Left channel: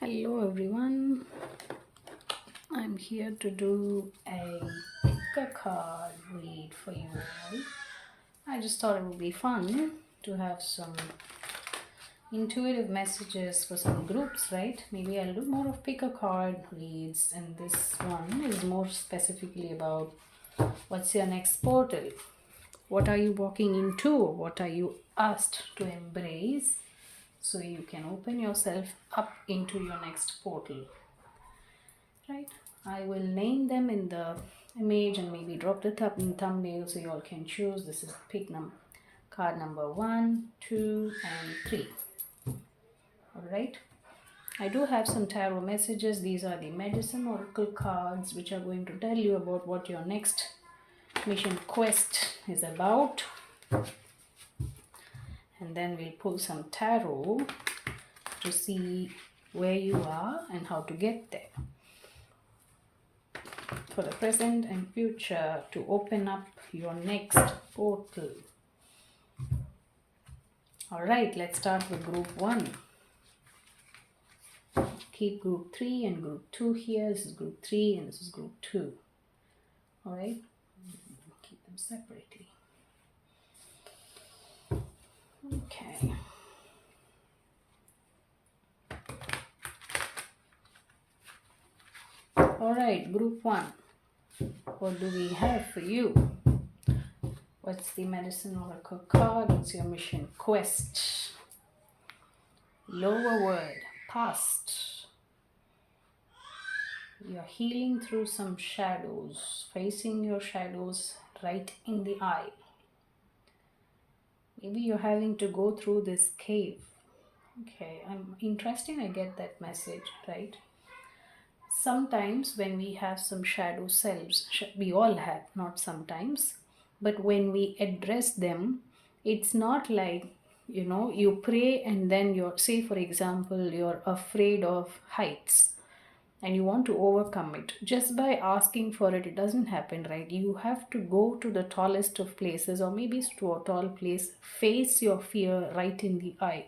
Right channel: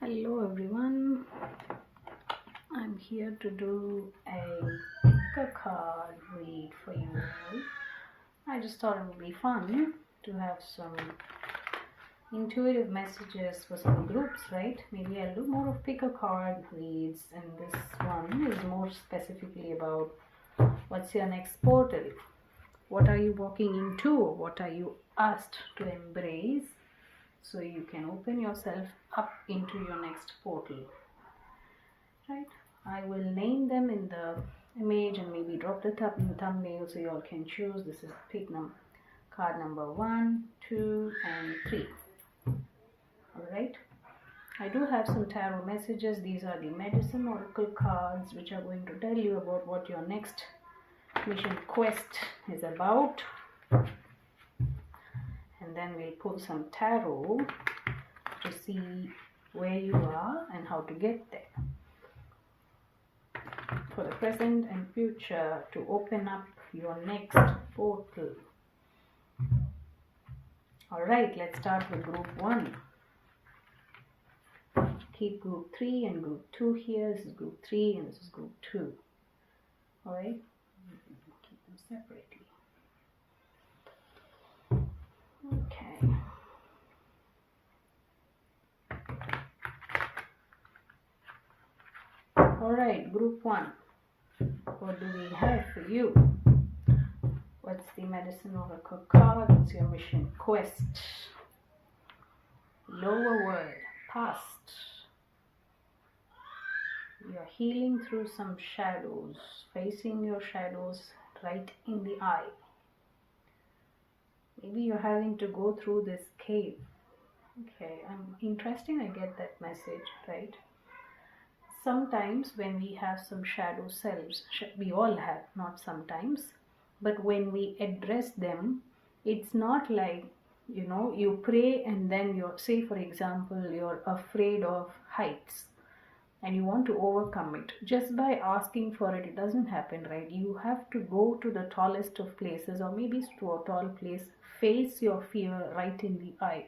Hello everyone, I'm here to do a pick a card read for you all. I just thought it would be fun to have some intuitive messages for some groups, right? Maybe I'll do more of pick a card reads, and this one is more specifically about what's your next portal? What are you walking into? What are you asked to embrace so you can open yourself up into your next portal? Right, I will name them in the image and maybe drop the thumbnail so you all can choose. This is pick card number 1, 2 and 3. All right, I do have some tarot messages. These are the medicine oracle cards which are going to tell you about what your next mission quest is about, and then we'll pull some tarot to see where you are and how to get there for the present and future to open up your next portal. All right, let's start with group 1. Keep group 3 and group 2 here. This is group 3 and this is group 2. All right, keep them separately. Okay. All right, group 1. What do we have for you? What's the medicine oracle card? What's your mission quest? Lower word, past. You're healing through some shadows, facing your shadows right in the eye. Maybe you're having to go through this cave. Okay, I'm interesting. I get that message, right? Sometimes when we have some shadow selves, we all have, not sometimes, but when we address them, it's not like, you pray and then you're, say for example, you're afraid of heights and you want to overcome it. Just by asking for it, it doesn't happen, right? You have to go to the tallest of places, or maybe to a tall place, face your fear right in the eye.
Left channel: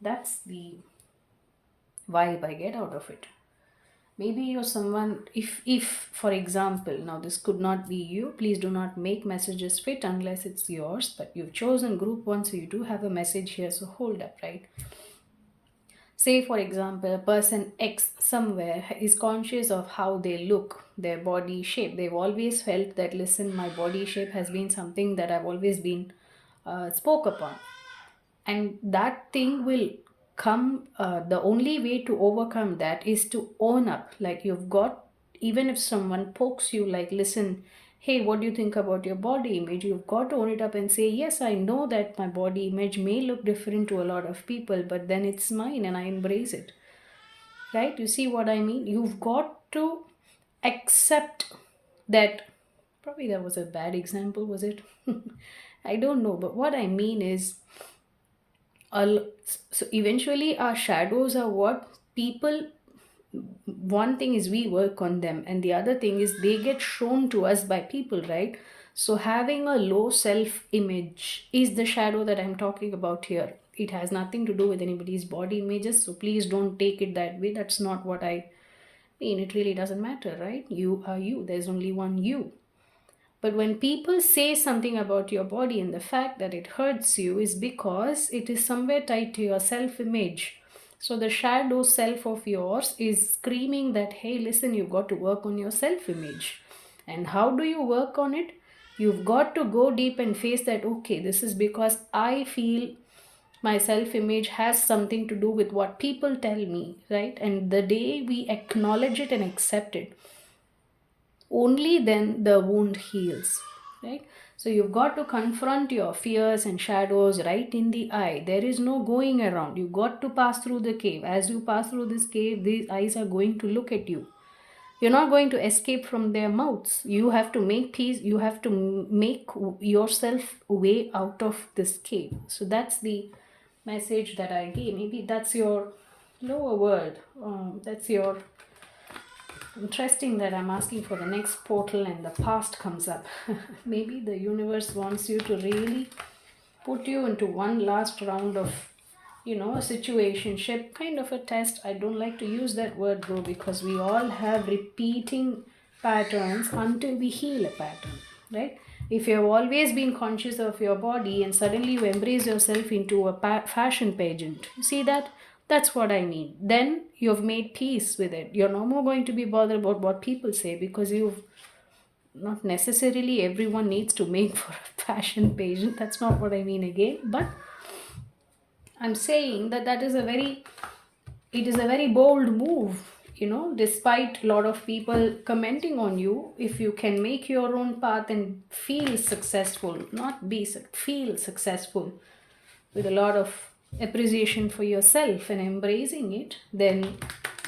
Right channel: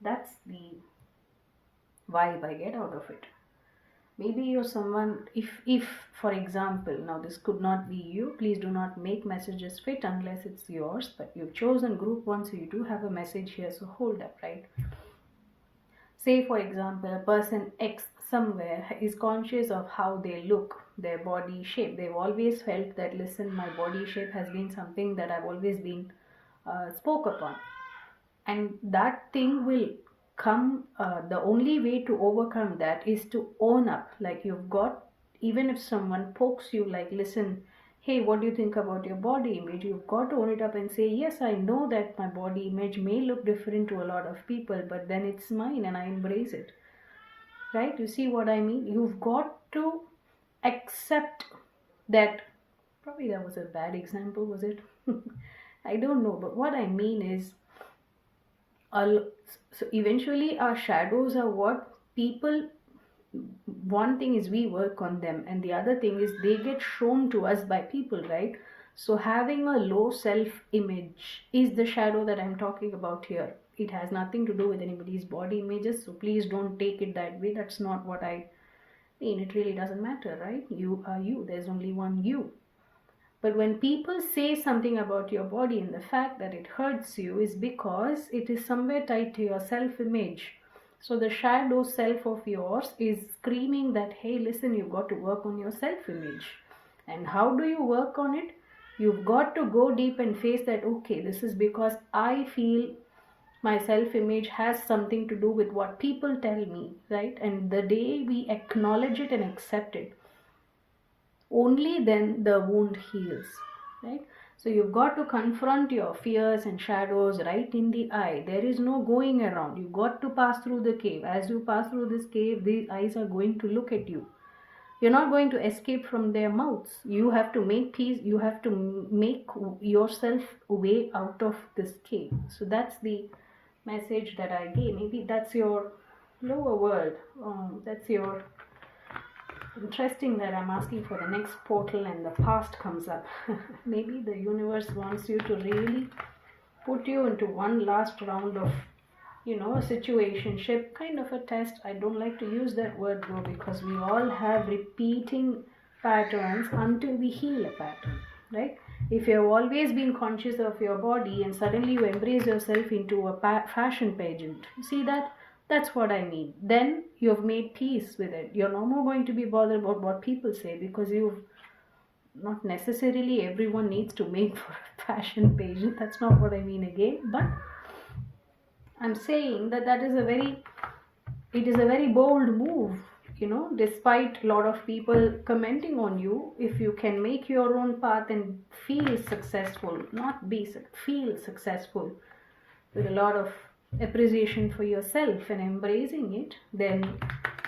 That's the vibe I get out of it. Maybe you're someone, if for example, now this could not be you, please do not make messages fit unless it's yours, but you've chosen group 1, so you do have a message here, so hold up, right? Say for example, a person X somewhere is conscious of how they look, their body shape. They've always felt that, listen, my body shape has been something that I've always been spoke upon, and that thing will come. The only way to overcome that is to own up. Like, you've got, even if someone pokes you like, listen, hey, what do you think about your body image? You've got to own it up and say, yes, I know that my body image may look different to a lot of people, but then it's mine and I embrace it. Right, you see what I mean? You've got to accept that. Probably that was a bad example, was it? I don't know, but what I mean is, so eventually our shadows are what people, one thing is we work on them, and the other thing is they get shown to us by people, right? So having a low self image is the shadow that I'm talking about here. It has nothing to do with anybody's body images, so please don't take it that way. That's not what I mean. It really doesn't matter, right? You are you, there's only one you. But when people say something about your body and the fact that it hurts you is because it is somewhere tied to your self image. So the shadow self of yours is screaming that, hey, listen, you've got to work on your self image. And how do you work on it? You've got to go deep and face that, okay, this is because I feel my self image has something to do with what people tell me, right? And the day we acknowledge it and accept it, only then the wound heals, right? So you've got to confront your fears and shadows right in the eye. There is no going around. You've got to pass through the cave. As you pass through this cave, these eyes are going to look at you. You're not going to escape from their mouths. You have to make peace. You have to make yourself way out of this cave. So that's the message that I gave. Maybe that's your lower world. That's your interesting that I'm asking for the next portal and the past comes up. Maybe the universe wants you to really put you into one last round of a situationship, kind of a test. I don't like to use that word though, because we all have repeating patterns until we heal a pattern, right? If you have always been conscious of your body and suddenly you embrace yourself into a fashion pageant, you see that? That's what I mean. Then you've made peace with it. You're no more going to be bothered about what people say, because you've not necessarily everyone needs to make for a fashion pageant. That's not what I mean again. But I'm saying that it is a very bold move, despite a lot of people commenting on you. If you can make your own path and feel successful, not be feel successful, with a lot of appreciation for yourself and embracing it, then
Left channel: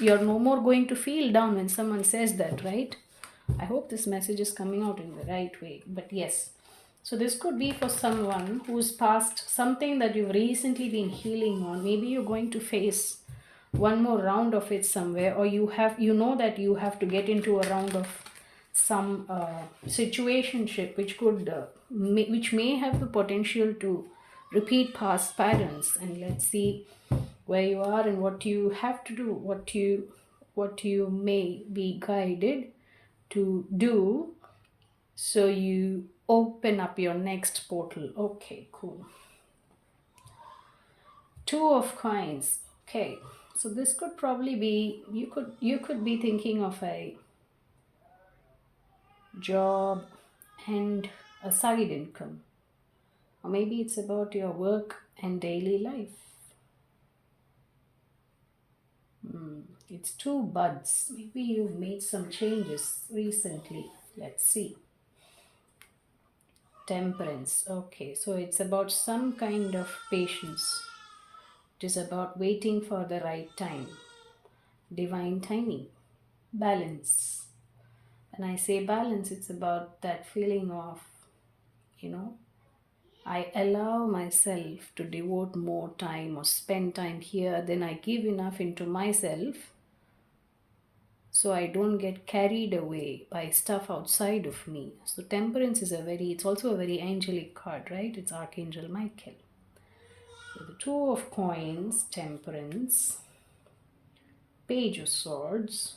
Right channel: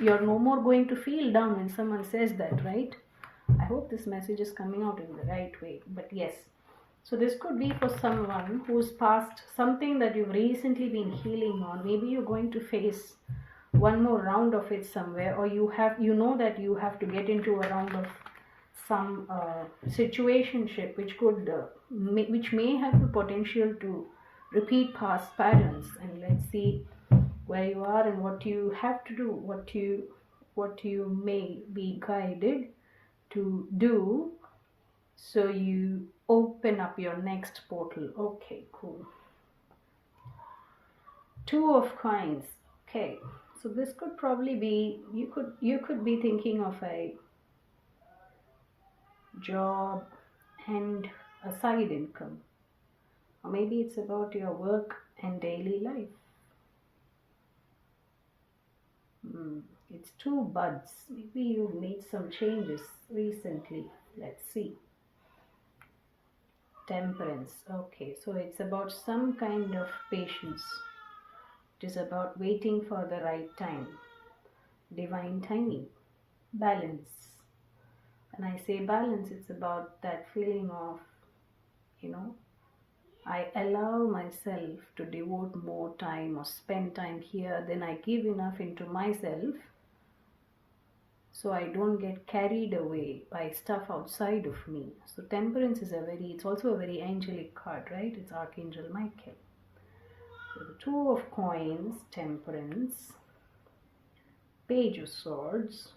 you're no more going to feel down when someone says that, right? I hope this message is coming out in the right way. But yes, so this could be for someone who's past something that you've recently been healing on. Maybe you're going to face one more round of it somewhere, or that you have to get into a round of some situationship, which could which may have the potential to repeat past patterns. And let's see where you are and what you have to do, what you may be guided to do, so you open up your next portal. Okay, cool. Two of coins. Okay, so this could probably be, you could be thinking of a job and a side income, or maybe it's about your work and daily life. It's two buds. Maybe you've made some changes recently. Let's see. Temperance. Okay, so it's about some kind of patience. It is about waiting for the right time. Divine timing. Balance. When I say balance, it's about that feeling of, you know, I allow myself to devote more time or spend time here, then I give enough into myself, so I don't get carried away by stuff outside of me. So temperance is it's also a very angelic card, right? It's Archangel Michael. So the Two of Coins, Temperance, Page of Swords.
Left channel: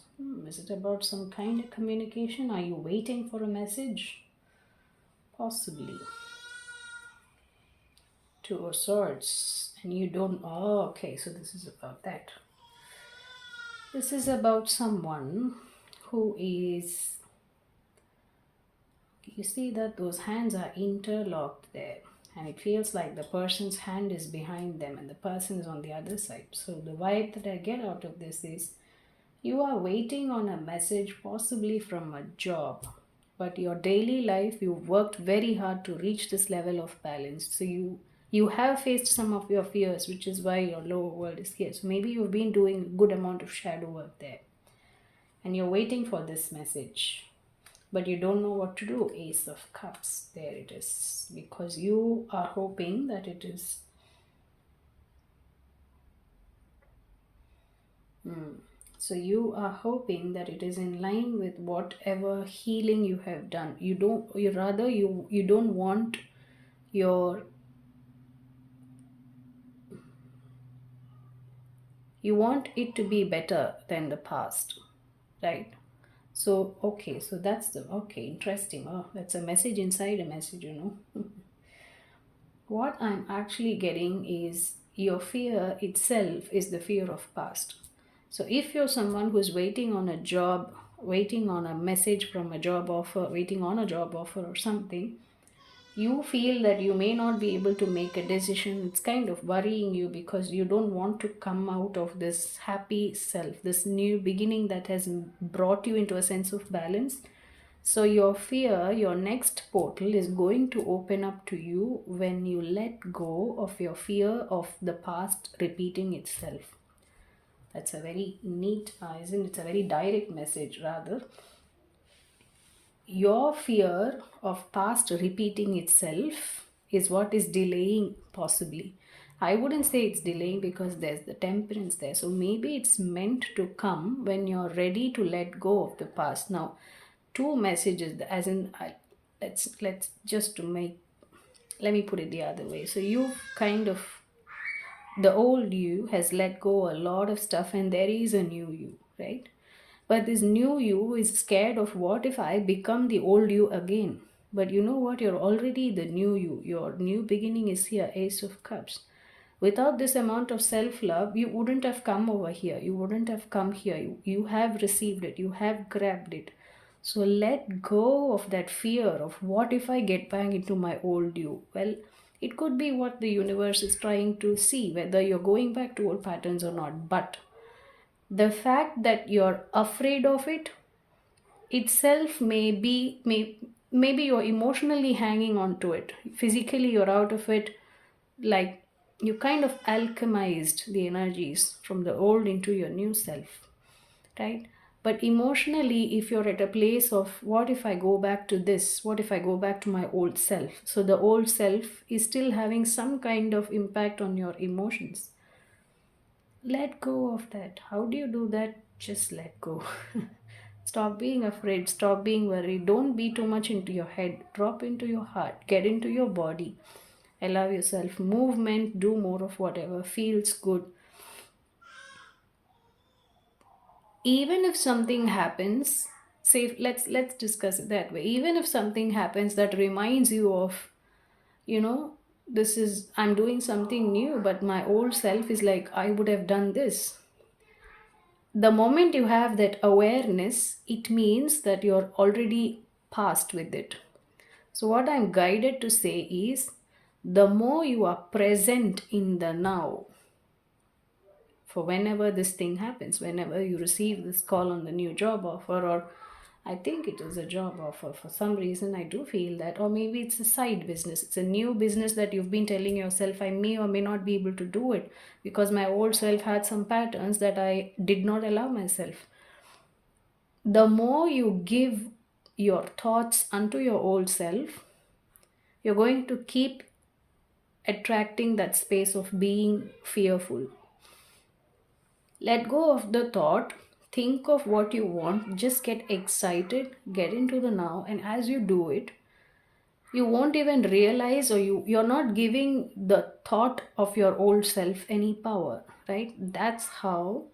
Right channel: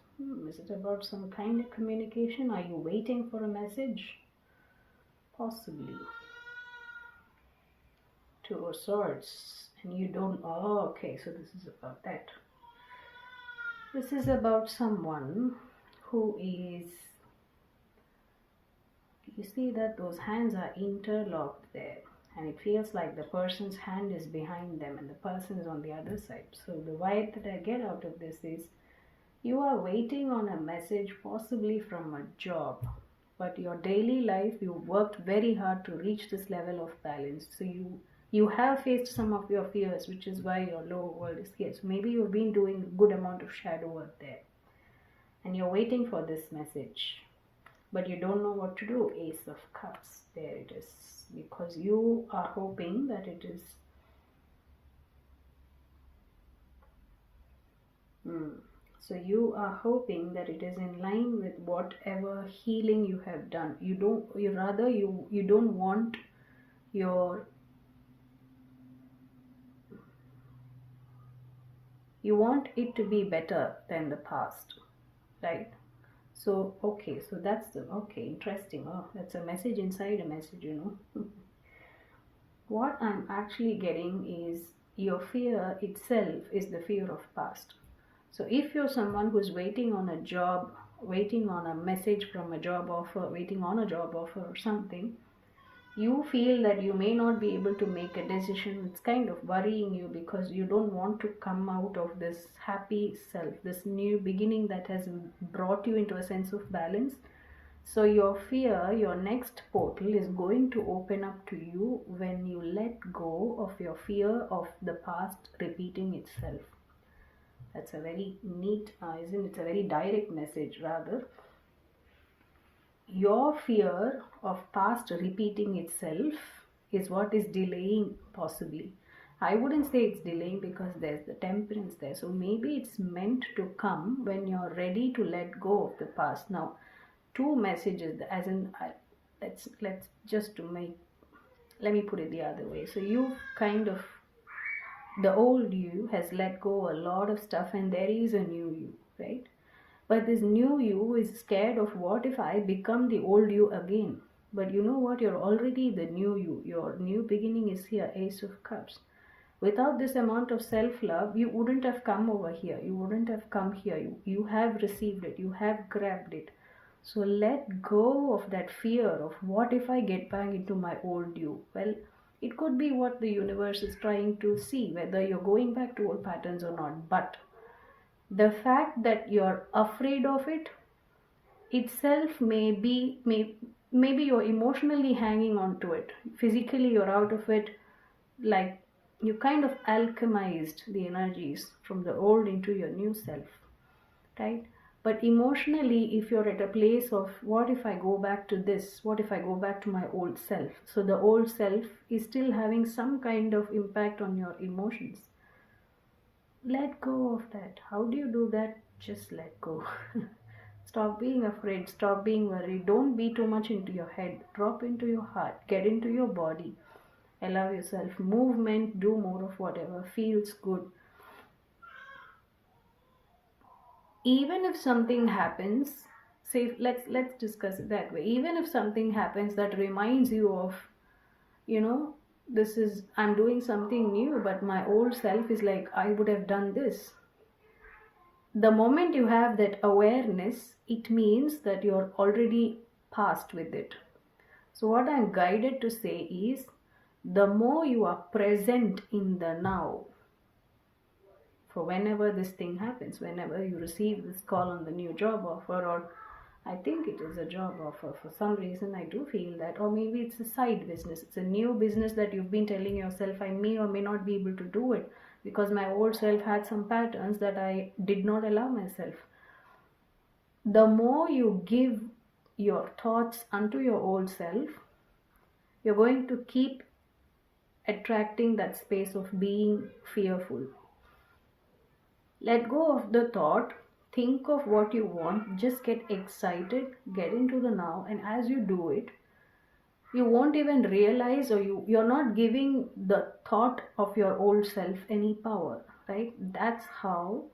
Is it about some kind of communication? Are you waiting for a message? Possibly. Two of Swords, and you don't. Oh, okay, so this is about that. This is about someone who is. You see that those hands are interlocked there, and it feels like the person's hand is behind them and the person is on the other side. So, the vibe that I get out of this is you are waiting on a message, possibly from a job, but your daily life, you've worked very hard to reach this level of balance. So you have faced some of your fears, which is why your lower world is here. So maybe you've been doing a good amount of shadow work there, and you're waiting for this message, but you don't know what to do. Ace of Cups, there it is, because you are hoping that it is so you are hoping that it is in line with whatever healing you have done. You don't want your you want it to be better than the past, right? So okay, so that's the okay, interesting. Oh, that's a message inside a message. What I'm actually getting is your fear itself is the fear of past. So if you're someone who's waiting on a job, waiting on a message from a job offer, waiting on a job offer or something, you feel that you may not be able to make a decision. It's kind of worrying you because you don't want to come out of this happy self, this new beginning that has brought you into a sense of balance. So your fear, your next portal is going to open up to you when you let go of your fear of the past repeating itself. That's a very neat, isn't it? It's a very direct message, rather. Your fear of past repeating itself is what is delaying, possibly. I wouldn't say it's delaying because there's the temperance there. So maybe it's meant to come when you're ready to let go of the past. Now, two messages, as in, let's just to make, let me put it the other way. So you've kind of The old you has let go a lot of stuff, and there is a new you, right? But this new you is scared of, what if I become the old you again? But you know what? You're already the new you. Your new beginning is here, Ace of Cups. Without this amount of self love, you wouldn't have come over here. You wouldn't have come here. You have received it. You have grabbed it. So let go of that fear of, what if I get back into my old you? Well, it could be what the universe is trying to see, whether you're going back to old patterns or not. But the fact that you're afraid of it itself maybe you're emotionally hanging on to it. Physically you're out of it, like you kind of alchemized the energies from the old into your new self, right? But emotionally, if you're at a place of, what if I go back to this, what if I go back to my old self, so the old self is still having some kind of impact on your emotions, let go of that. How do you do that? Just let go. Stop being afraid, stop being worried, don't be too much into your head, drop into your heart, get into your body, allow yourself movement, do more of whatever feels good. Even if something happens, say, let's discuss it that way. Even if something happens that reminds you of, you know, this is, I'm doing something new, but my old self is like, I would have done this. The moment you have that awareness, it means that you're already past with it. So what I'm guided to say is, the more you are present in the now, for whenever this thing happens, whenever you receive this call on the new job offer, or I think it is a job offer, for some reason I do feel that, or maybe it's a side business, it's a new business that you've been telling yourself, I may or may not be able to do it because my old self had some patterns that I did not allow myself. The more you give your thoughts unto your old self, you're going to keep attracting that space of being fearful. Let go of the thought, think of what you want, just get excited, get into the now, and as you do it, you won't even realize, or you're not giving the thought of your old self any power, right? That's how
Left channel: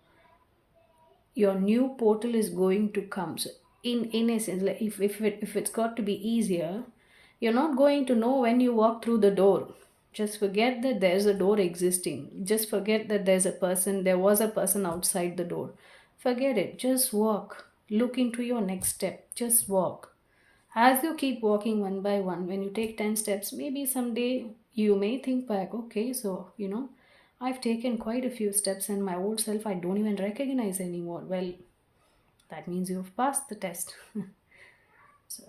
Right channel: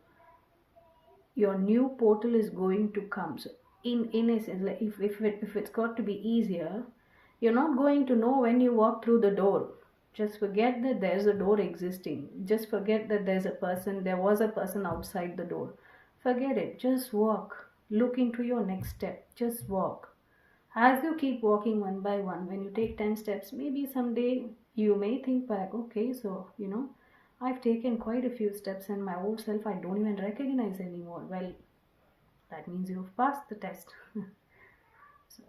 your new portal is going to come. So in essence, like if it's got to be easier, you're not going to know when you walk through the door. Just forget that there's a door existing. Just forget that there was a person outside the door. Forget it. Just walk. Look into your next step. Just walk. As you keep walking one by one, when you take 10 steps, maybe someday you may think back, okay, so, I've taken quite a few steps and my old self I don't even recognize anymore. Well, that means you've passed the test. So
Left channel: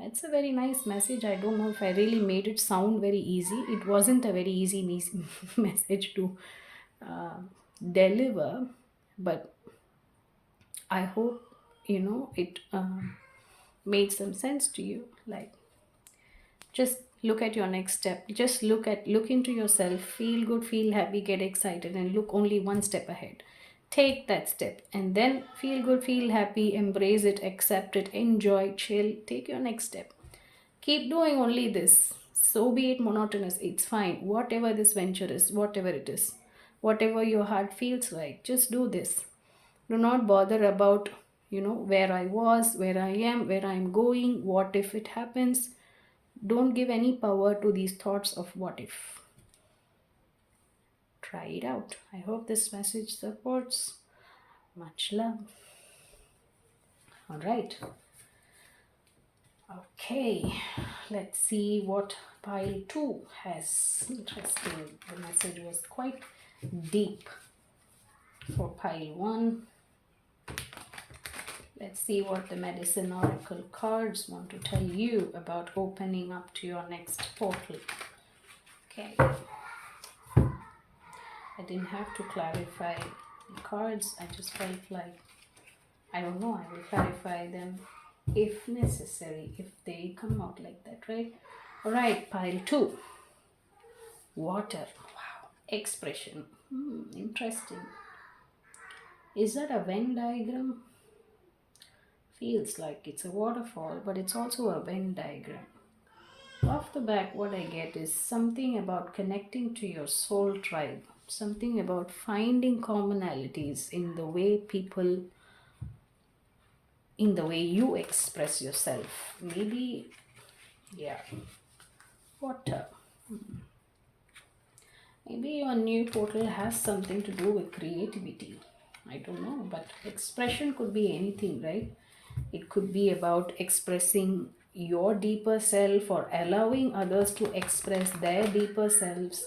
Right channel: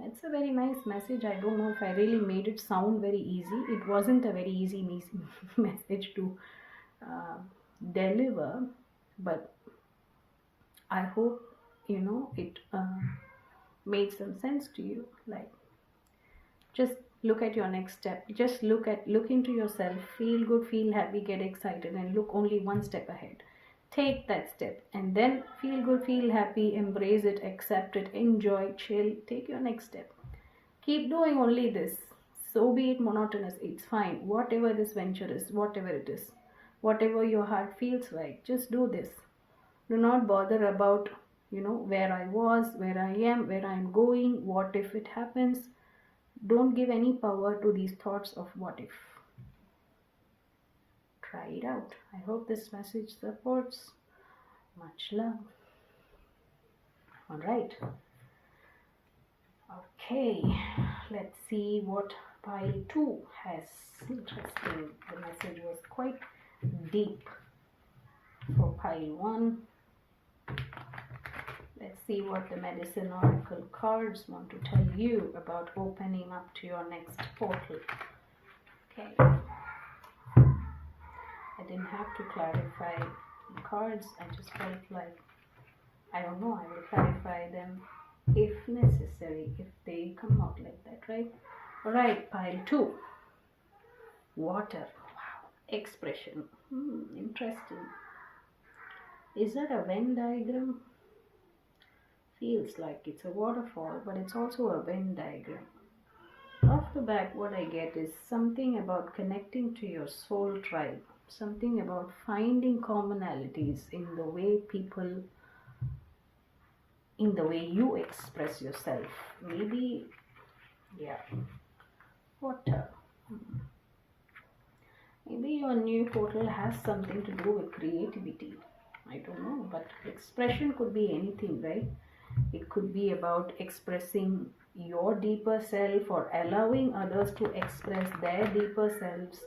it's a very nice message. I don't know if I really made it sound very easy. It wasn't a very easy message to uh, deliver, but I hope it made some sense to you. Like, just look at your next step. Just look into yourself. Feel good, feel happy, get excited, and look only one step ahead. Take that step and then feel good, feel happy, embrace it, accept it, enjoy, chill, take your next step. Keep doing only this. So be it monotonous, it's fine. Whatever this venture is, whatever it is, whatever your heart feels like, just do this. Do not bother about, where I was, where I am, where I'm going, what if it happens. Don't give any power to these thoughts of what if. Try it out. I hope this message supports. Much love. All right. Okay, let's see what pile 2 has. Interesting. The message was quite deep for pile 1. Let's see what the Medicine Oracle cards want to tell you about opening up to your next portal. Okay. I didn't have to clarify the cards. I just felt like, I don't know, I will clarify them if necessary, if they come out like that, right? All right, pile 2. Water. Wow. Expression. Interesting. Is that a Venn diagram? Feels like it's a waterfall, but it's also a Venn diagram. Off the back, what I get is something about connecting to your soul tribe. something about finding commonalities in the way people, in the way you express yourself. Maybe, yeah, water. Maybe your new portal has something to do with creativity. I don't know, but expression could be anything, right? It could be about expressing your deeper self or allowing others to express their deeper selves,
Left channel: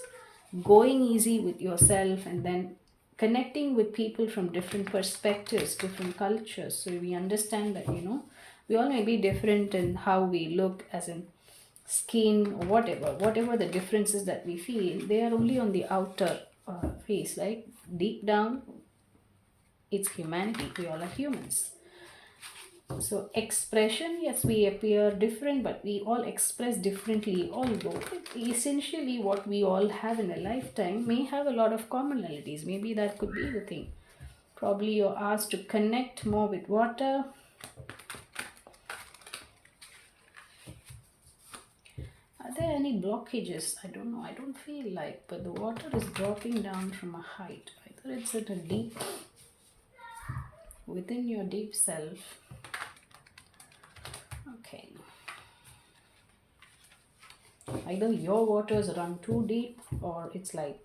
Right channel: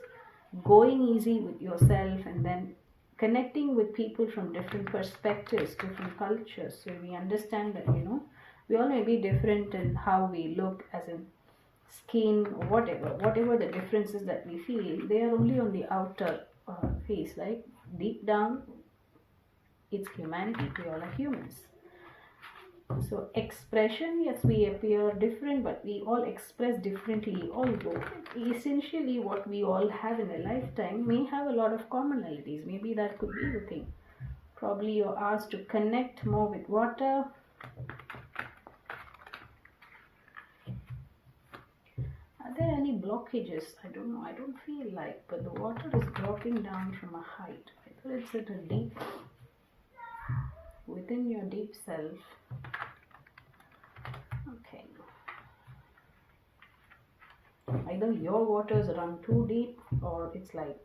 going easy with yourself, and then connecting with people from different perspectives, different cultures. So we understand that, we all may be different in how we look, as in skin, whatever the differences that we feel, they are only on the outer face, right? Deep down, it's humanity. We all are humans. So expression, yes, we appear different, but we all express differently. Although essentially, what we all have in a lifetime may have a lot of commonalities. Maybe that could be the thing. Probably you're asked to connect more with water. Are there any blockages? I don't know. I don't feel like, but the water is dropping down from a height. Either it's at a deep, within your deep self. Okay. Either your waters run too deep, or it's like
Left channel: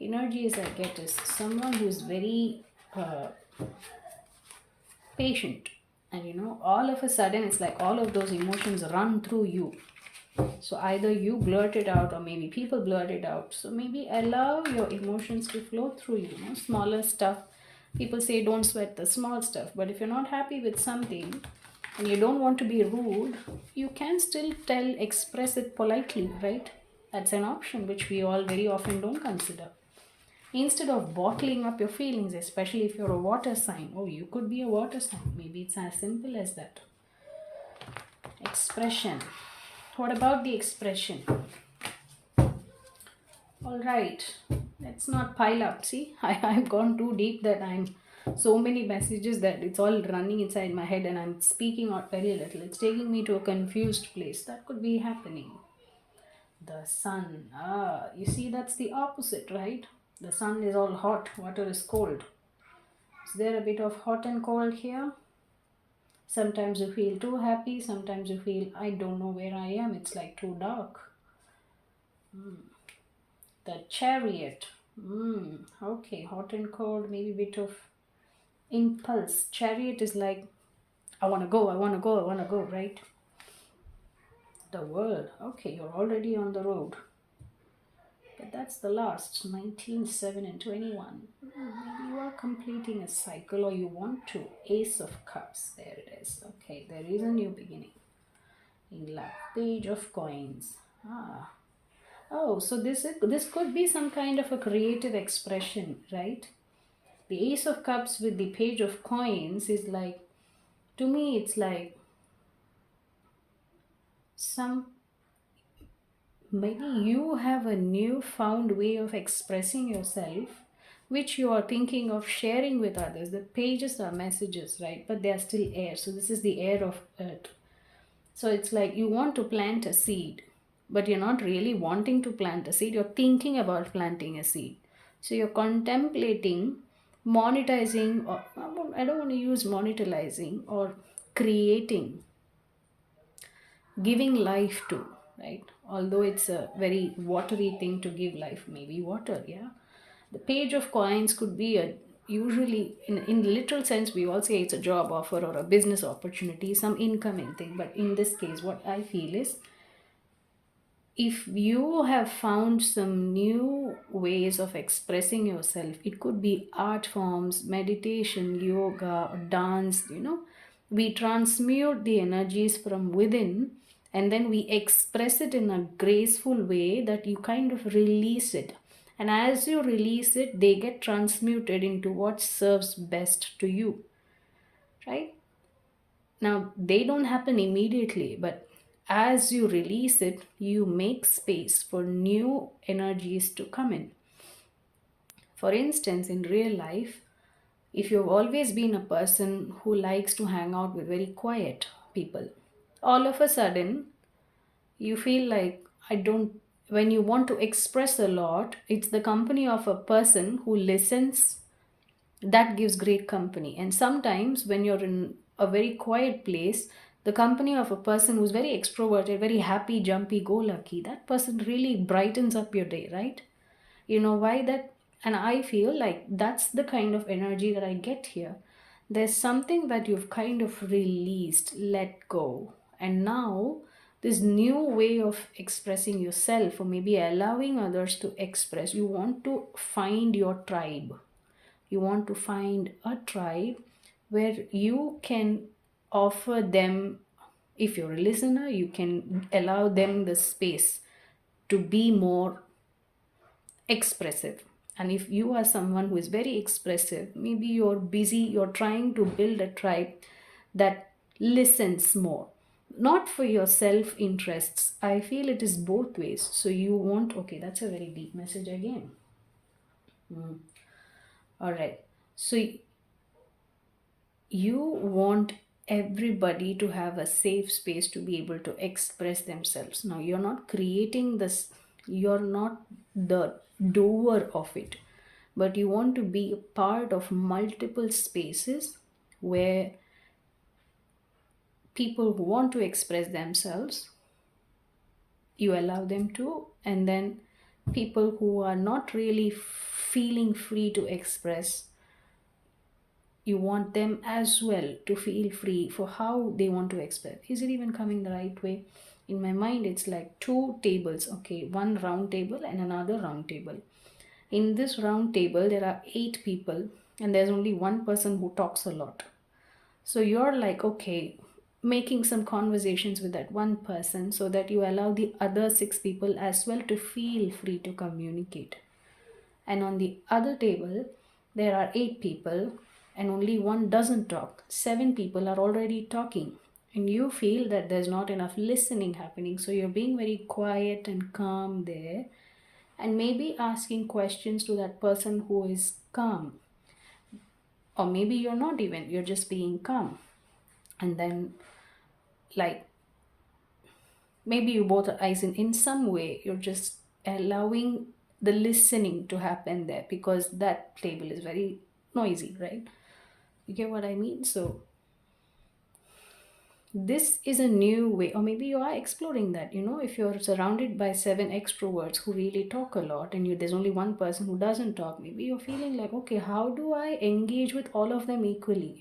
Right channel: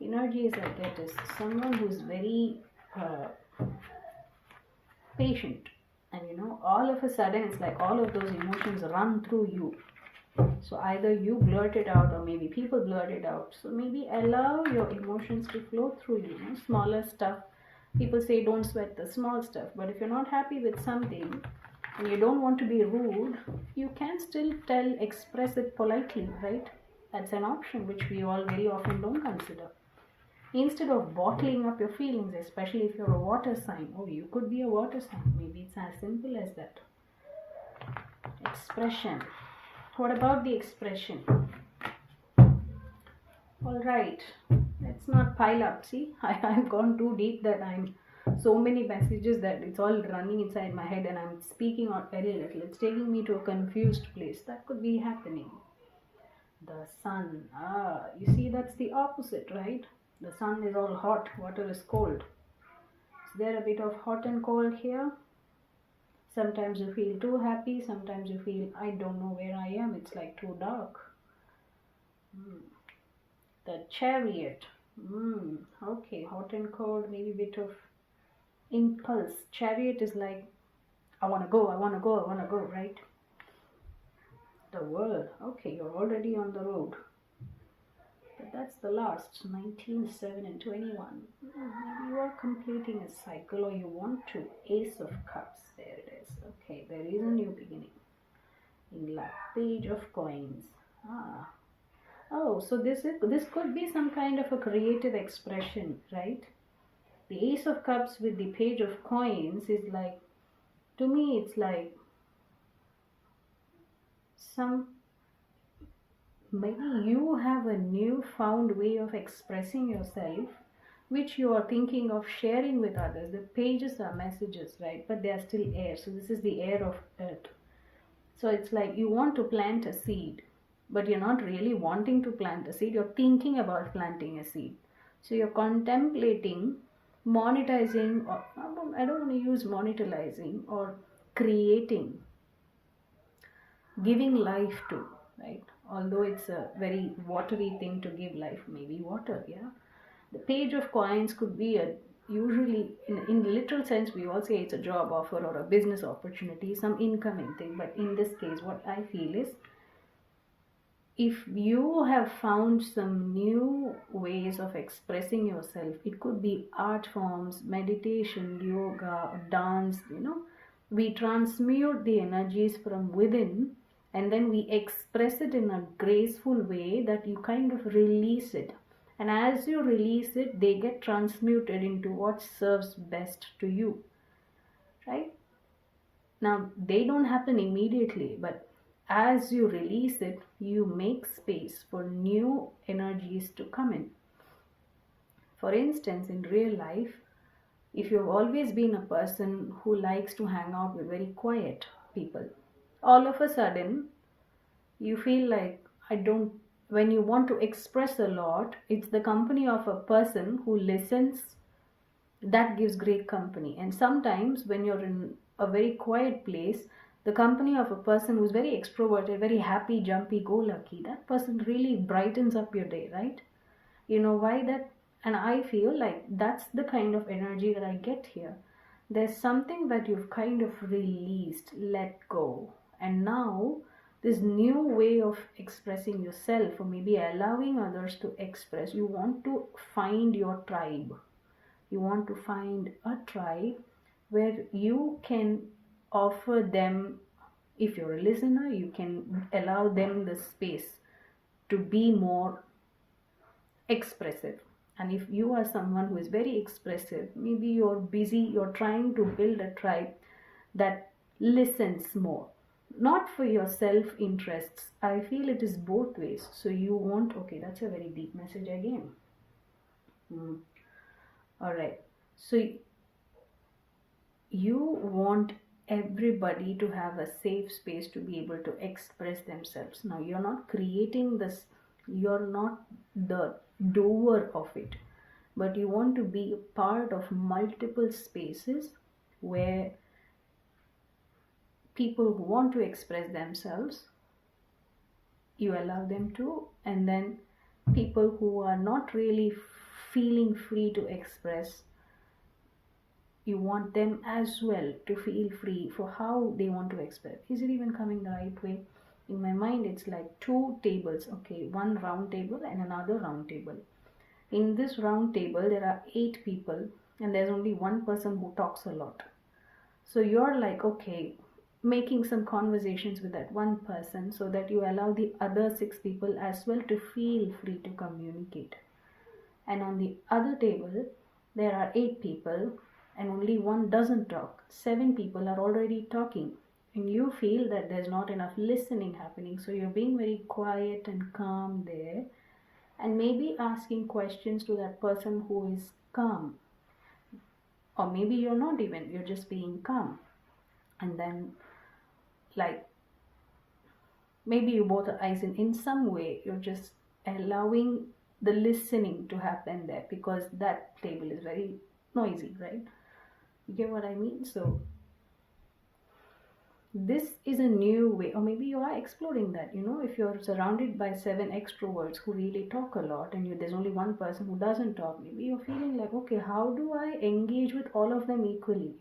energies I get is someone who's very patient, and all of a sudden it's like all of those emotions run through you. So either you blurt it out, or maybe people blurt it out. So maybe allow your emotions to flow through you. Smaller stuff, people say don't sweat the small stuff, but if you're not happy with something and you don't want to be rude, you can still express it politely, right? That's an option which we all very often don't consider. Instead of bottling up your feelings, especially if you're a water sign. Oh, you could be a water sign. Maybe it's as simple as that. Expression. What about the expression? All right, let's not pile up. See, I've gone too deep that I'm so many messages that it's all running inside my head and I'm speaking out very little. It's taking me to a confused place. That could be happening. The sun. You see, that's the opposite, right? The sun is all hot, water is cold. Is there a bit of hot and cold here? Sometimes you feel too happy, sometimes you feel, I don't know where I am, it's like too dark. The chariot. Okay, hot and cold, maybe a bit of impulse. Chariot is like, I want to go, I want to go, I want to go, right? The world. Okay, you're already on the road. But that's the last, 19, 7 and 21. Maybe you are completing a cycle, or you want to. Ace of Cups, there it is. Okay, there is a new beginning. In love. Page of Coins. Oh, so this could be some kind of a creative expression, right? The Ace of Cups with the Page of Coins is like, to me, it's like maybe you have a newfound way of expressing yourself, which you are thinking of sharing with others. The pages are messages, right? But they are still air. So this is the air of earth. So it's like you want to plant a seed, but you're not really wanting to plant a seed. You're thinking about planting a seed. So you're contemplating monetizing, or I don't want to use monetizing, or creating, giving life to, right? Although it's a very watery thing to give life, maybe water, yeah. The Page of Coins could be a, usually in literal sense we all say it's a job offer or a business opportunity, some incoming thing. But in this case, what I feel is, if you have found some new ways of expressing yourself, it could be art forms, meditation, yoga, or dance, we transmute the energies from within, and then we express it in a graceful way that you kind of release it. And as you release it, they get transmuted into what serves best to you, right? Now, they don't happen immediately, but as you release it, you make space for new energies to come in. For instance, in real life, if you've always been a person who likes to hang out with very quiet people, all of a sudden you feel like, I don't when you want to express a lot, it's the company of a person who listens that gives great company. And sometimes when you're in a very quiet place, the company of a person who's very extroverted, very happy, jumpy, go lucky, that person really brightens up your day, right? You know why that? And I feel like that's the kind of energy that I get here. There's something that you've kind of released, let go, and now this new way of expressing yourself, or maybe allowing others to express, you want to find your tribe. You want to find a tribe where you can offer them, if you're a listener, you can allow them the space to be more expressive. And if you are someone who is very expressive, maybe you're busy, you're trying to build a tribe that listens more, not for your self interests. I feel it is both ways. So you want, okay, that's a very deep message again. All right. So you want everybody to have a safe space to be able to express themselves. Now, you're not creating this, you're not the doer of it, but you want to be a part of multiple spaces where people who want to express themselves, you allow them to, and then people who are not really feeling free to express, you want them as well to feel free for how they want to express. Is it even coming the right way? In my mind, it's like two tables, okay, one round table and another round table. In this round table, there are 8 people, and there's only one person who talks a lot. So you're like, okay, making some conversations with that one person so that you allow the other 6 people as well to feel free to communicate. And on the other table, there are 8 people and only one doesn't talk. 7 people are already talking. And you feel that there's not enough listening happening. So you're being very quiet and calm there. And maybe asking questions to that person who is calm. Or maybe you're not even, you're just being calm. And then, like, maybe you both are eyes in some way, you're just allowing the listening to happen there because that table is very noisy, right? You get what I mean? So this is a new way, or maybe you are exploring that. If you're surrounded by 7 extroverts who really talk a lot and there's only one person who doesn't talk, maybe you're feeling like, okay, how do I engage with all of them equally?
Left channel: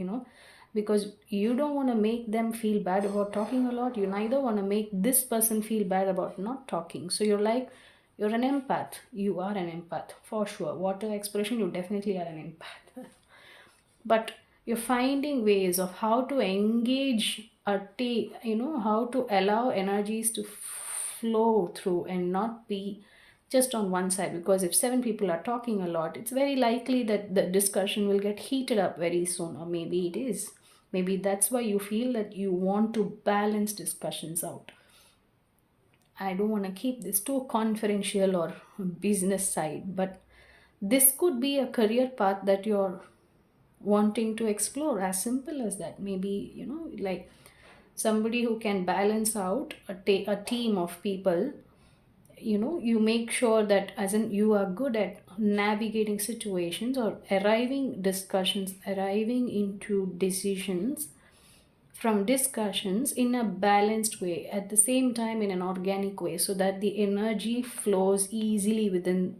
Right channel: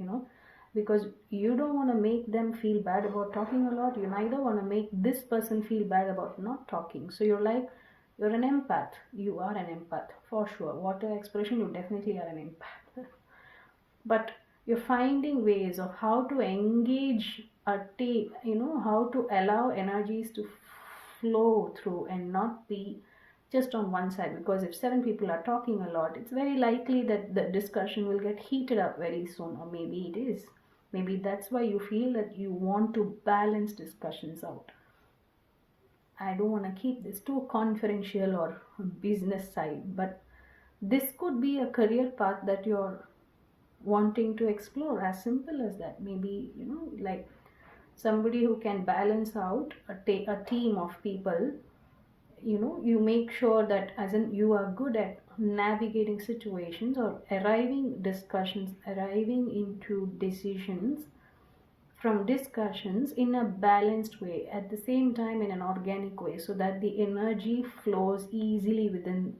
Because you don't want to make them feel bad about talking a lot, you neither want to make this person feel bad about not talking. So you're like, you're an empath. You are an empath for sure. Water expression, you definitely are an empath. But you're finding ways of how to engage how to allow energies to flow through and not be just on one side. Because if 7 people are talking a lot, it's very likely that the discussion will get heated up very soon, or maybe it is. Maybe that's why you feel that you want to balance discussions out. I don't want to keep this too confidential or business side, but this could be a career path that you're wanting to explore. As simple as that. Maybe, like somebody who can balance out a team of people. You make sure that, as in, you are good at navigating situations or arriving into decisions from discussions in a balanced way, at the same time in an organic way, so that the energy flows easily within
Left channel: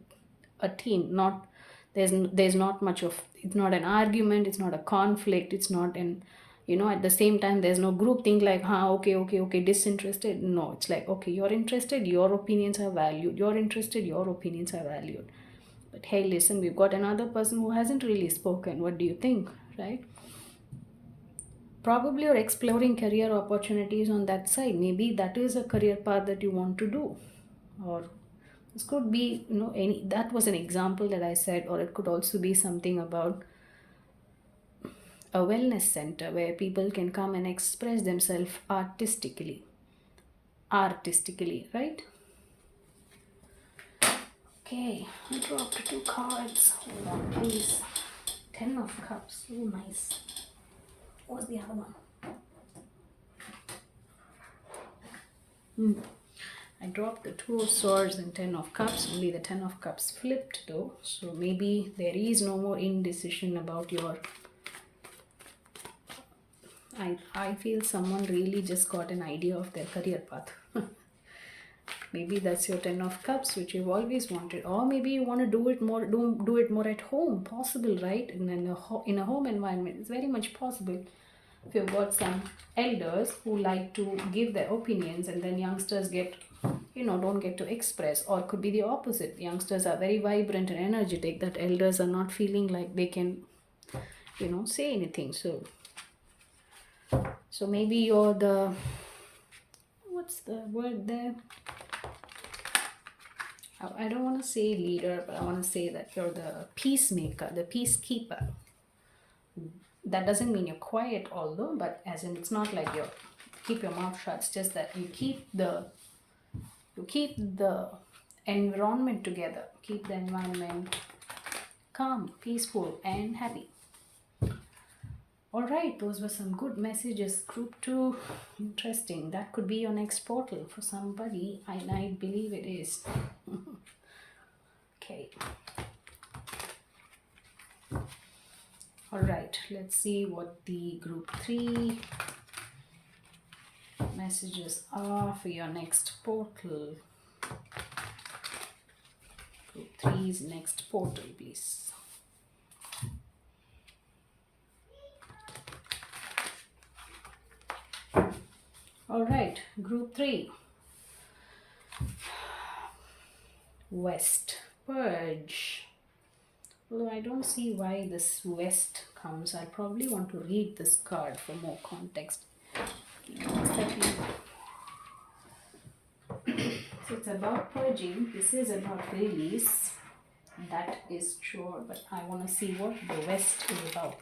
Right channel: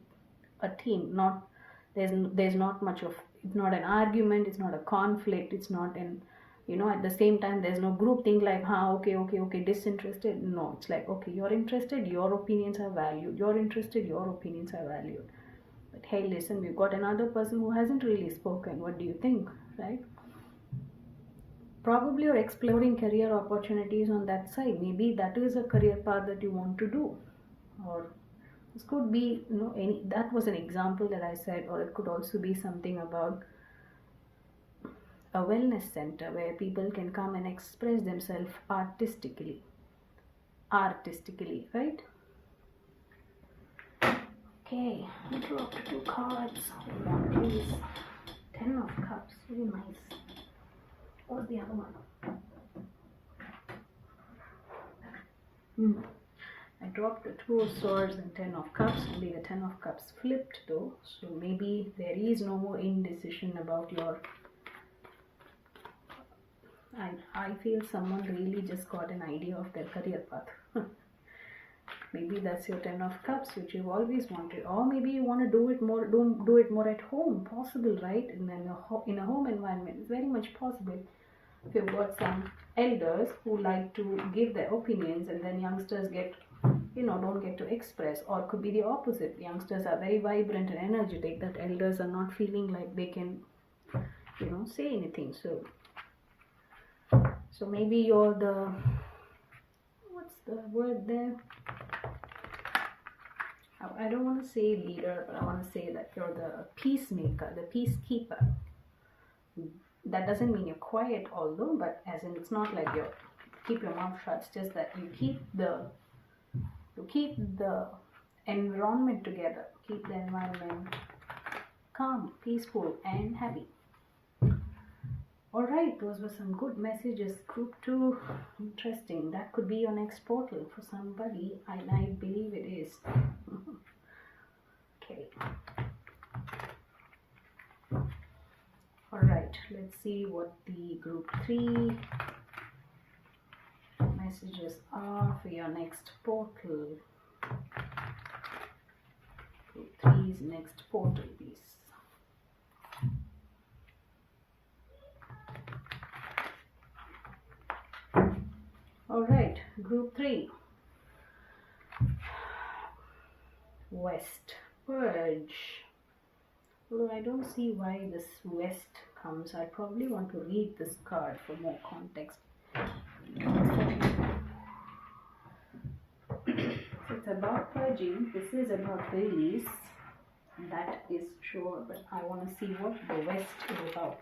a team. Not there's not much of, it's not an argument, it's not a conflict, it's not an, at the same time there's no group thing like, okay, disinterested. No, it's like, okay, you're interested, your opinions are valued, you're interested, your opinions are valued. But hey, listen, we've got another person who hasn't really spoken, what do you think, right? Probably you're exploring career opportunities on that side. Maybe that is a career path that you want to do. Or this could be, any, that was an example that I said. Or it could also be something about a wellness center where people can come and express themselves artistically, right? Okay, I dropped 2 cards. Hold on, please. 10 of Cups. Oh, nice. What's the other one? I dropped the Two of Swords and Ten of Cups, only the Ten of Cups flipped though. So maybe there is no more indecision about your... I feel someone really just got an idea of their career path. Maybe that's your Ten of Cups, which you've always wanted, or maybe you want to do it more, do it more at home. Possible, right? In a home environment, it's very much possible. If you've got some elders who like to give their opinions, and then youngsters get, don't get to express, or it could be the opposite. Youngsters are very vibrant and energetic, that elders are not feeling like they can, say anything. So maybe you're the, what's the word there? I don't want to say leader, but I want to say that you're the peacemaker, the peacekeeper. That doesn't mean you're quiet, although, but as in it's not like you keep your mouth shut. It's just that you keep the environment together, keep the environment calm, peaceful, and happy. All right, those were some good messages. Group 2, interesting. That could be your next portal for somebody. I believe it is. Okay. All right, let's see what the group 3 messages are for your next portal. Group 3's next portal, please. All right, group 3. West, purge. Although I don't see why this West comes. I probably want to read this card for more context. So it's about purging. This is about release. That is sure, but I want to see what the West is about.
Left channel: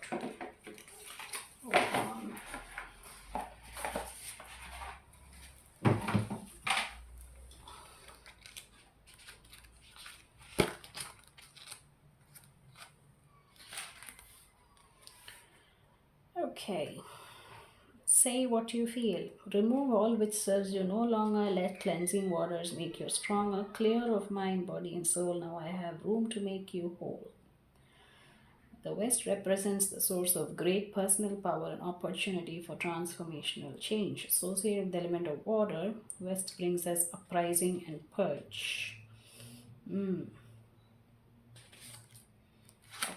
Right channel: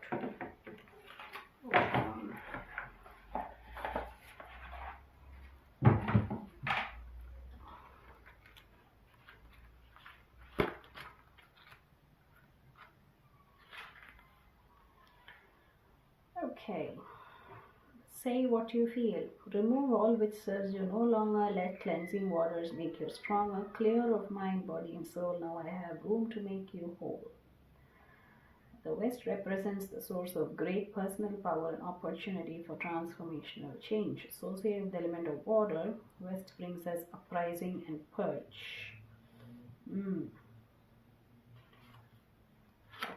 Okay. Say what you feel. Remove all which serves you no longer. Let cleansing waters make you stronger. Clear of mind, body, and soul. Now I have room to make you whole. The West represents the source of great personal power and opportunity for transformational change. Associated with the element of water, West brings us uprising and purge.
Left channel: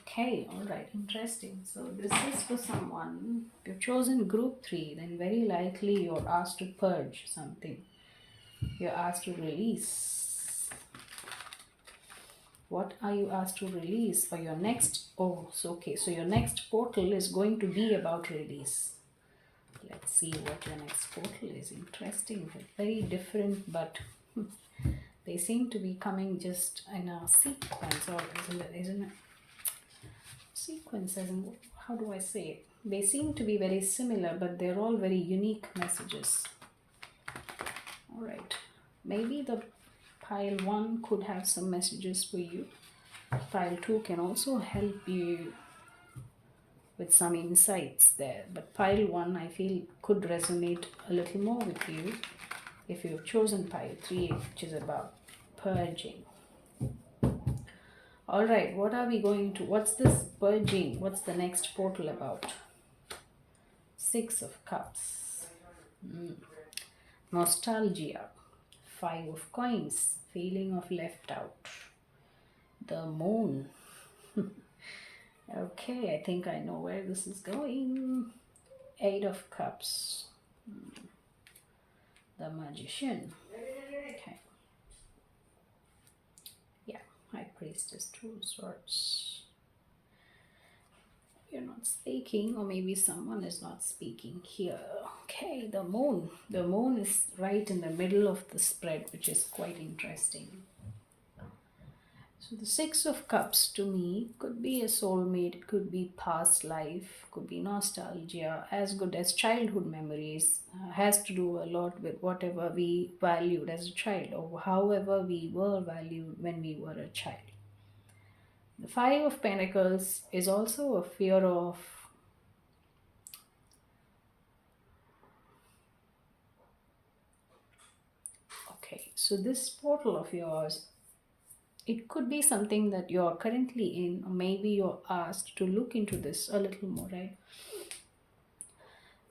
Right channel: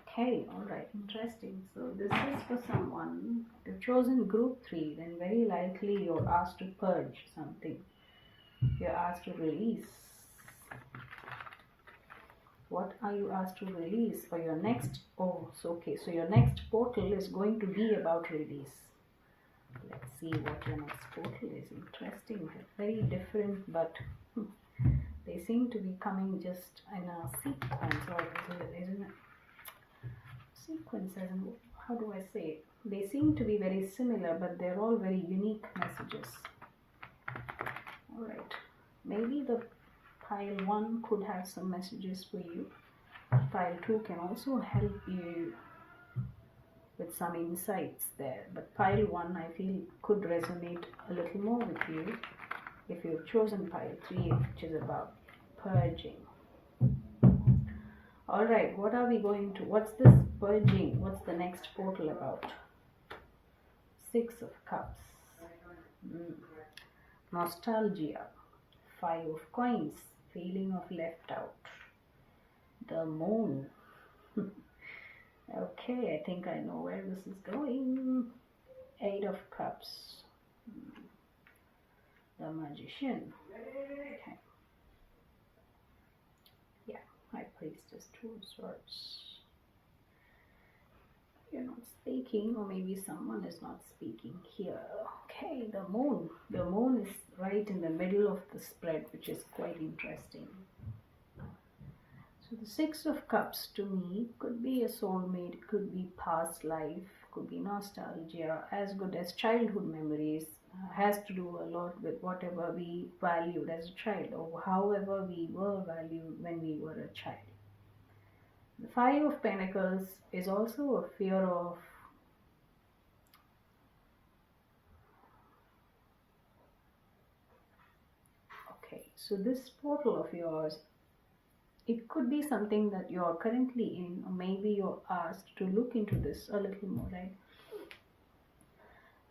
Okay, alright, interesting. So this is for someone. If you've chosen group 3, then very likely you're asked to purge something. You're asked to release. What are you asked to release for your next? So your next portal is going to be about release. Let's see what your next portal is. Interesting. Very different, but they seem to be coming just in a sequence, or isn't it? Sequence, as in, how do I say it? They seem to be very similar, but they're all very unique messages. Alright, maybe the pile 1 could have some messages for you. Pile 2 can also help you with some insights there, but pile 1 I feel could resonate a little more with you if you've chosen pile 3, which is about purging. Alright, what's this purging? What's the next portal about? 6 of Cups. Nostalgia. 5 of Coins. Feeling of left out. The Moon. Okay, I think I know where this is going. 8 of Cups. The Magician. Okay. High Priestess, 2 of Swords. You're not speaking, or maybe someone is not speaking here. Okay, the Moon. The Moon is right in the middle of the spread, which is quite interesting. So the 6 of Cups to me could be a soulmate, it could be past life, could be nostalgia, as good as childhood memories. Has to do a lot with whatever we valued as a child, or however we were valued when we were a child. The 5 of Pentacles is also a fear of So this portal of yours, it could be something that you're currently in, or maybe you're asked to look into this a little more, right?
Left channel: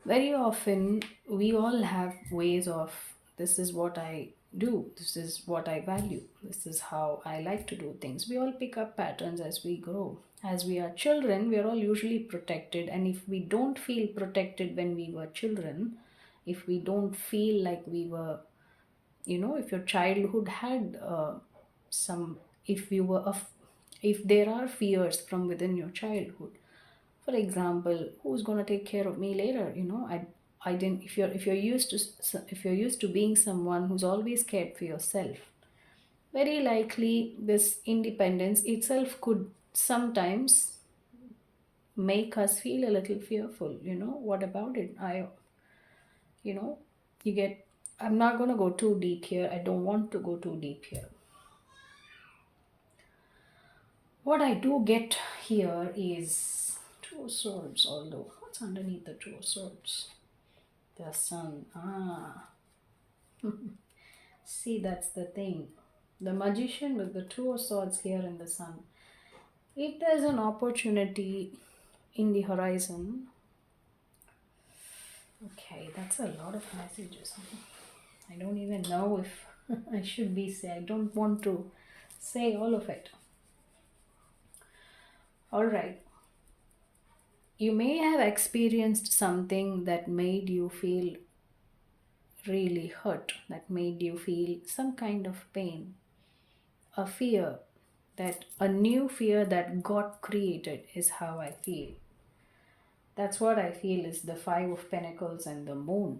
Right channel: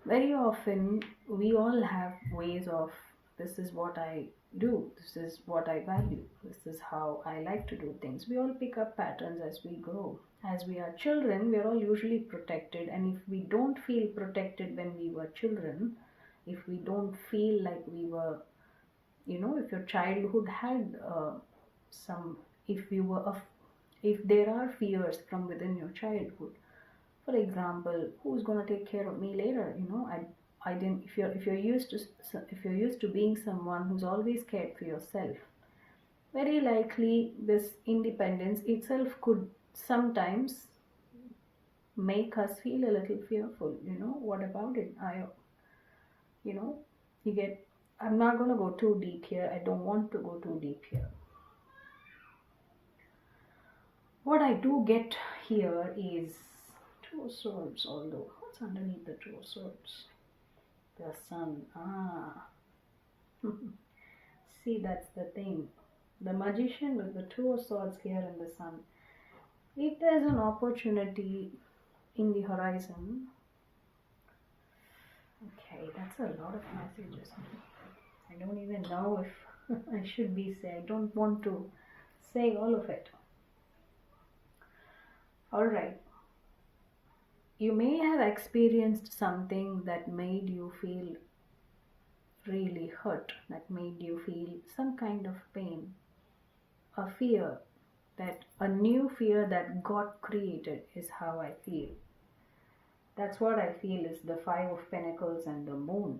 Very often, we all have ways of, this is what I do, this is what I value, this is how I like to do things. We all pick up patterns as we grow. As we are children, we are all usually protected, and if we don't feel protected when we were children, if we don't feel like we were, if your childhood had some, if you were if there are fears from within your childhood, for example, who's going to take care of me later, I didn't, if you're used to if you're used to being someone who's always cared for yourself, very likely this independence itself could sometimes make us feel a little fearful. What about it? You know you get, I'm not going to go too deep here, I don't want to go too deep here. What I do get here is two of swords, although what's underneath the two of swords? The sun. Ah, see, that's the thing. The magician with the two of swords here in the sun. If there's an opportunity in the horizon, okay, that's a lot of messages. I don't even know if I should be say. I don't want to say all of it. All right. You may have experienced something that made you feel really hurt, that made you feel some kind of pain, a fear, that a new fear that got created is how I feel. That's what I feel is the Five of Pentacles and the Moon.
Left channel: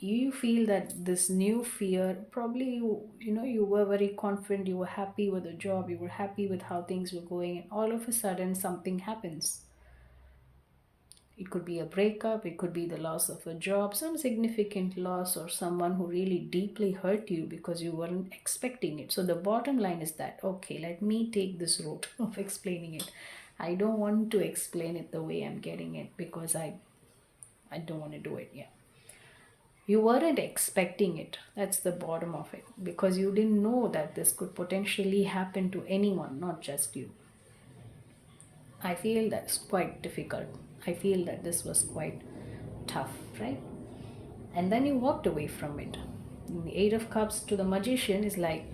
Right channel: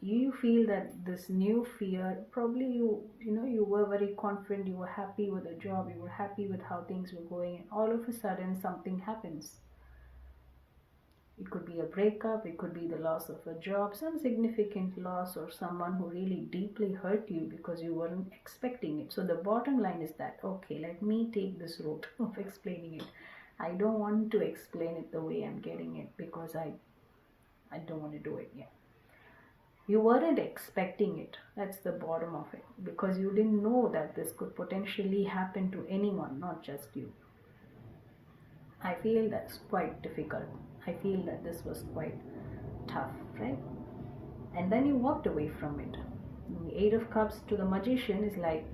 You feel that this new fear, probably you were very confident, you were happy with the job, you were happy with how things were going, and all of a sudden something happens. It could be a breakup, it could be the loss of a job, some significant loss, or someone who really deeply hurt you because you weren't expecting it. So the bottom line is that, okay, let me take this route of explaining it. I don't want to explain it the way I'm getting it because I don't want to do it. Yeah. You weren't expecting it. That's the bottom of it. Because you didn't know that this could potentially happen to anyone, not just you. I feel that's quite difficult. I feel that this was quite tough, right? And then you walked away from it. And the Eight of Cups to the Magician is like,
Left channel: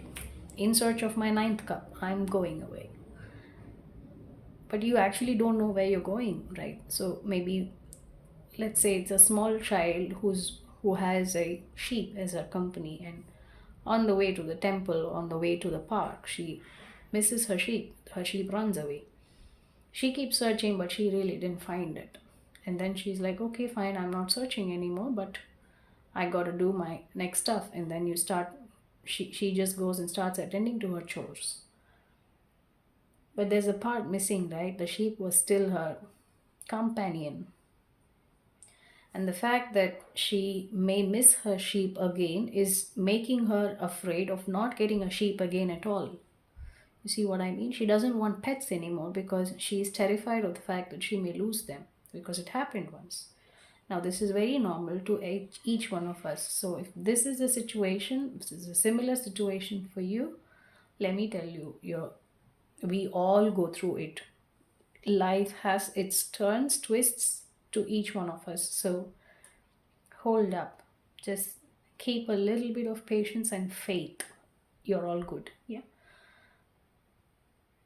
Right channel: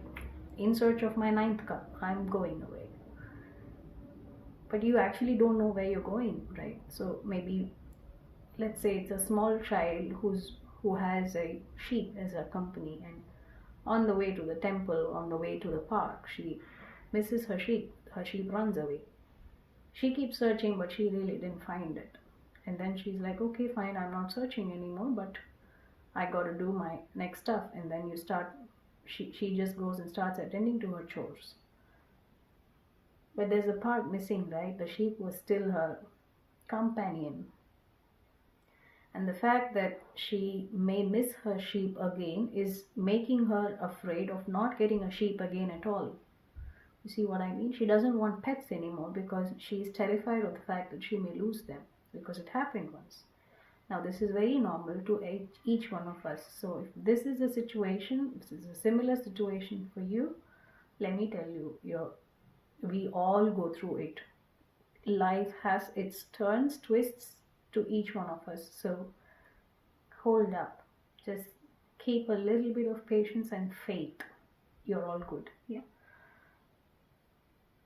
in search of my ninth cup, I'm going away. But you actually don't know where you're going, right? So maybe, let's say it's a small child who has a sheep as her company, and on the way to the temple, on the way to the park, she misses her sheep. Her sheep runs away. She keeps searching, but she really didn't find it. And then she's like, okay, fine, I'm not searching anymore, but I got to do my next stuff. And then she just goes and starts attending to her chores. But there's a part missing, right? The sheep was still her companion. And the fact that she may miss her sheep again is making her afraid of not getting a sheep again at all. You see what I mean? She doesn't want pets anymore because she is terrified of the fact that she may lose them, because it happened once. Now, this is very normal to each one of us. So, if this is a situation, this is a similar situation for you, let me tell you, we all go through it. Life has its turns, twists to each one of us. So, hold up. Just keep a little bit of patience and faith. You're all good. Yeah.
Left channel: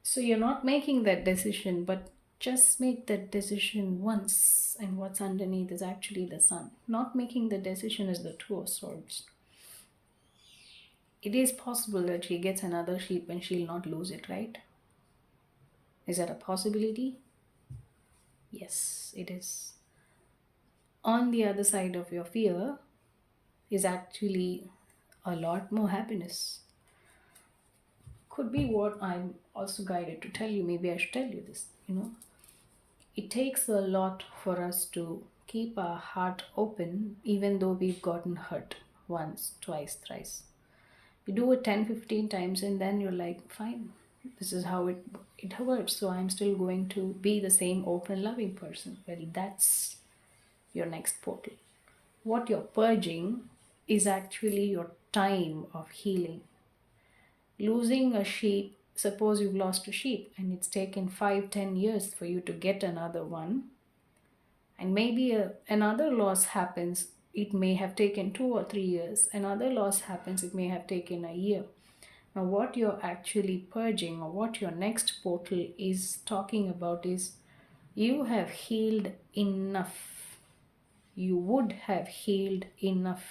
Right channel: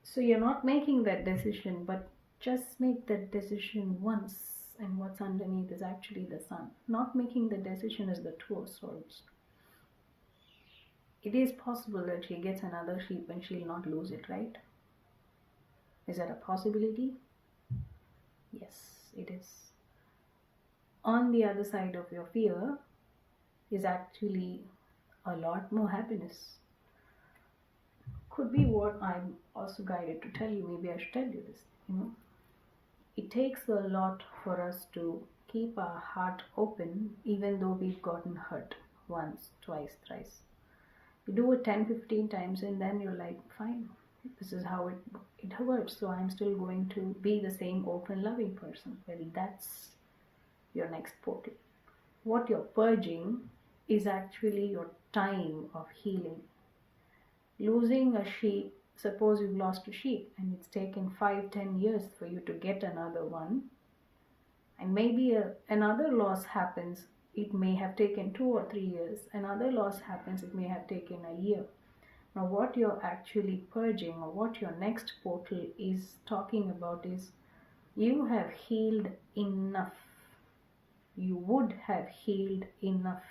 So you're not making that decision, but just make that decision once. And what's underneath is actually the sun. Not making the decision is the Two of Swords. It is possible that she gets another sheep and she'll not lose it, right? Is that a possibility? Yes, it is. On the other side of your fear is actually a lot more happiness. Could be what I'm also guided to tell you. Maybe I should tell you this. It takes a lot for us to keep our heart open, even though we've gotten hurt once, twice, thrice. You do it 10, 15 times, and then you're like, fine, this is how it works. So I'm still going to be the same open, loving person. Well, that's your next portal. What you're purging is actually your time of healing. Losing a sheep, suppose you've lost a sheep and it's taken 5-10 years for you to get another one, and maybe another loss happens, it may have taken 2 or 3 years. Another loss happens, it may have taken a year. Now, what you're actually purging, or what your next portal is talking about, is you have healed enough. You would have healed enough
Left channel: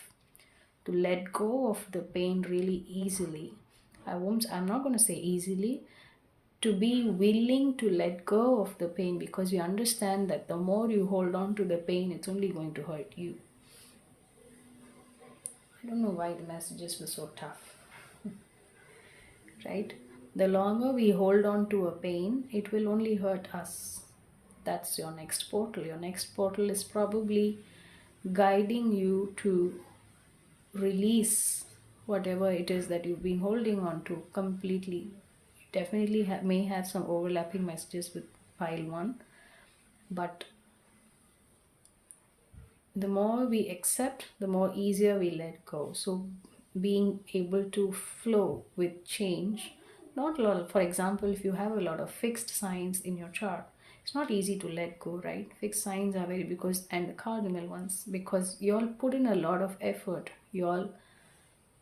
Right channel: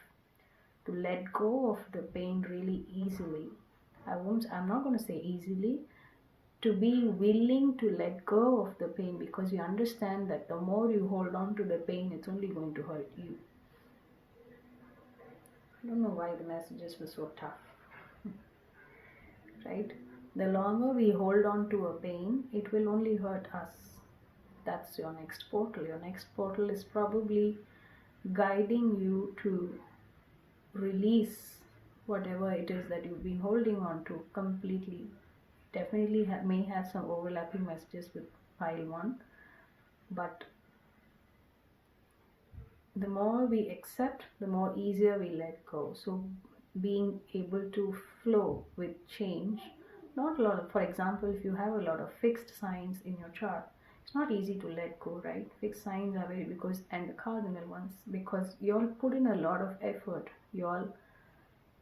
to let go of the pain really easily. I'm not going to say easily, to be willing to let go of the pain, because you understand that the more you hold on to the pain, it's only going to hurt you. I don't know why the messages were so tough, right? The longer we hold on to a pain, it will only hurt us. That's your next portal. Your next portal is probably guiding you to release whatever it is that you've been holding on to completely. Definitely may have some overlapping messages with pile 1, but the more we accept, the more easier we let go. So being able to flow with change, not a lot. For example, if you have a lot of fixed signs in your chart, it's not easy to let go, right? Fixed signs are very, because, and the cardinal ones, because you all put in a lot of effort. You all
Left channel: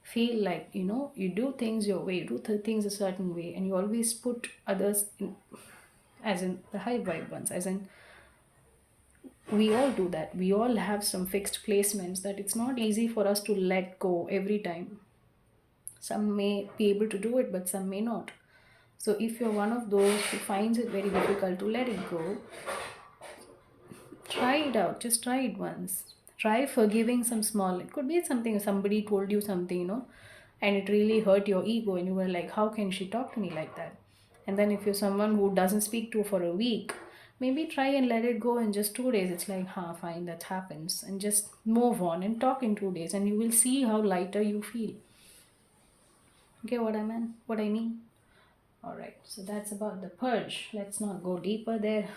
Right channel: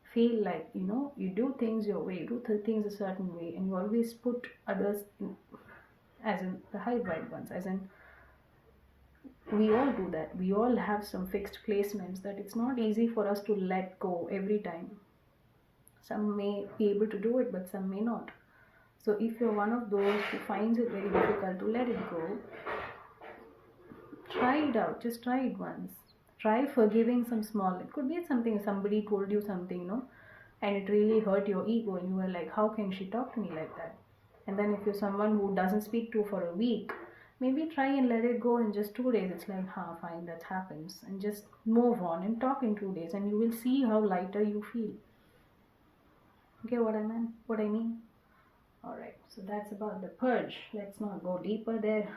feel like, you do things your way, you do things a certain way, and you always put others in, as in the high vibe ones, as in, we all do that. We all have some fixed placements that it's not easy for us to let go every time. Some may be able to do it, but some may not. So if you're one of those who finds it very difficult to let it go, try it out. Just try it once. Try forgiving some small. It could be something, somebody told you something, and it really hurt your ego, and you were like, how can she talk to me like that? And then if you're someone who doesn't speak to for a week, maybe try and let it go in just 2 days. It's like, fine, that happens, and just move on and talk in 2 days, and you will see how lighter you feel. Okay, what I mean? All right, so that's about the purge. Let's not go deeper there.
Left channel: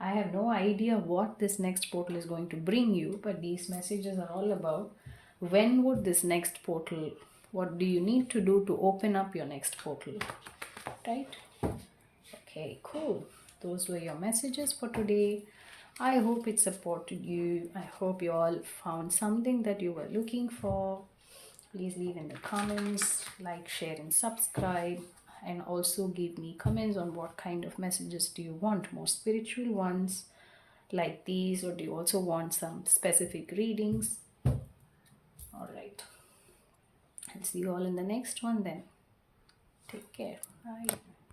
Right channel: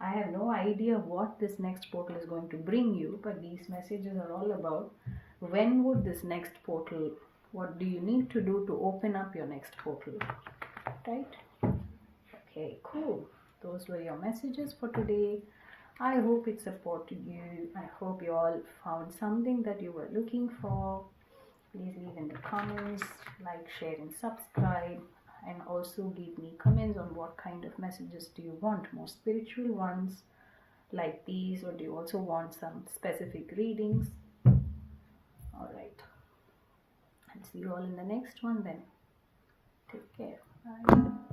I have no idea what this next portal is going to bring you, but these messages are all about when would this next portal, what do you need to do to open up your next portal, right? Okay, cool. Those were your messages for today. I hope it supported you. I hope you all found something that you were looking for. Please leave in the comments, like, share, and subscribe. And also give me comments on what kind of messages do you want, more spiritual ones like these, or do you also want some specific readings? All right, I'll see you all in the next one then. Take care. Bye.